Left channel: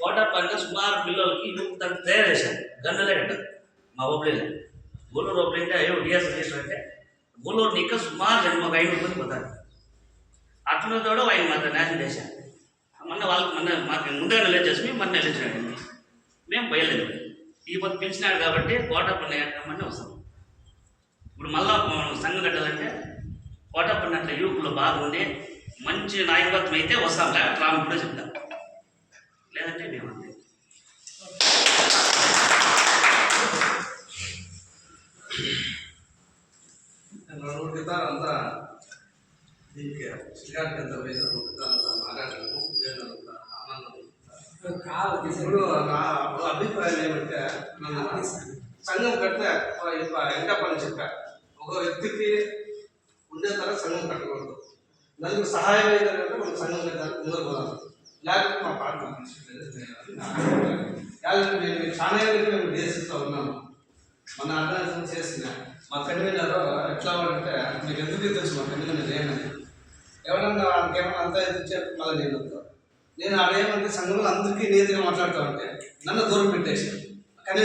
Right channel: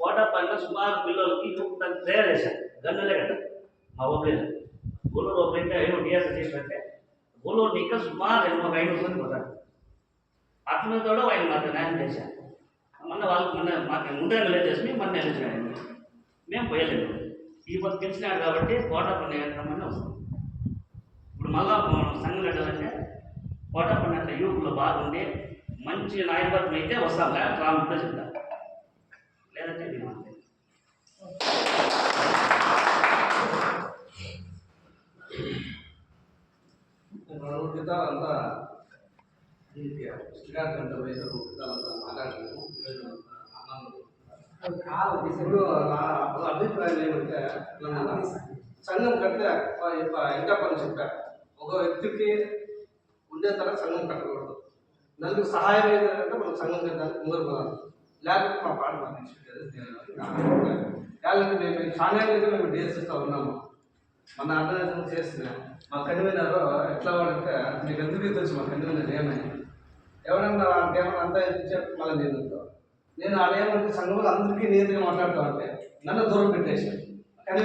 quota పైన సుమారు పిల్లలకి దాన్ని తయారు చేశారు గన్నులే కట్ట మా ఒబ్లీలో గూడూరు ఒబ్లీంటే అయ్యో డిఎస్ రిజిస్టర్ అంటే గూడూరు నీకు సుమారు 500 మంది పోతారు అట్లా కూడా ఆయన మాత్రం న్యాయం చేశారు మొన్న మాకు ముందుగా నిలవ చేసి మొన్న నిలిచినాడు మేము పోయలేదు ఈ పొద్దు పిలిచినాడు కాబట్టి కోటా పన్ను కట్టమని వస్తాం ఇప్పుడు మళ్ళా సంఘం కట్టాలంటే కోటా పన్ను అట్లా యువకులు బాగుండి మంచి నాయకత్వం అయితే వస్తాం లేకపోతే రాము కూడా చెప్తాం లేదంటే మేము అంతే అంతా దీనికి శ్రీకాంత్ ఎంత వేసారు అంతా మాట్లాడలేము ఆనందం ఇప్పుడు నా అభిప్రాయం ఏమంటే సంఘం కడితే ఎంత పని చెప్పా ఒక వ్యక్తికి ఉండే తర సంఘం కట్టకూడదు నలుగురు సహాయం అయ్యేదంటే మనం సంఘం కట్టడానికి ముందుకు పోదాం లేకపోతే మా పాట నేను చాలా మేము దేశిస్తూ ఉన్నాము మన ఆర్గనైజేషన్ చేసిన మా కన్వీనర్ ఎట్లా అంటే మీకు ఎందుకు తెలుసు మా కన్వీనర్ ఏమని ఎవరన్నా ఇంకేమన్నా అంతా ఎందుకు చెప్పి మళ్ళీ నేను ఆడేమంటే సంఘంలో అందరికీ నీతిగా మాట్లాడుతూ ఉంటే నన్ను దూరం పెట్టేసాను కానీ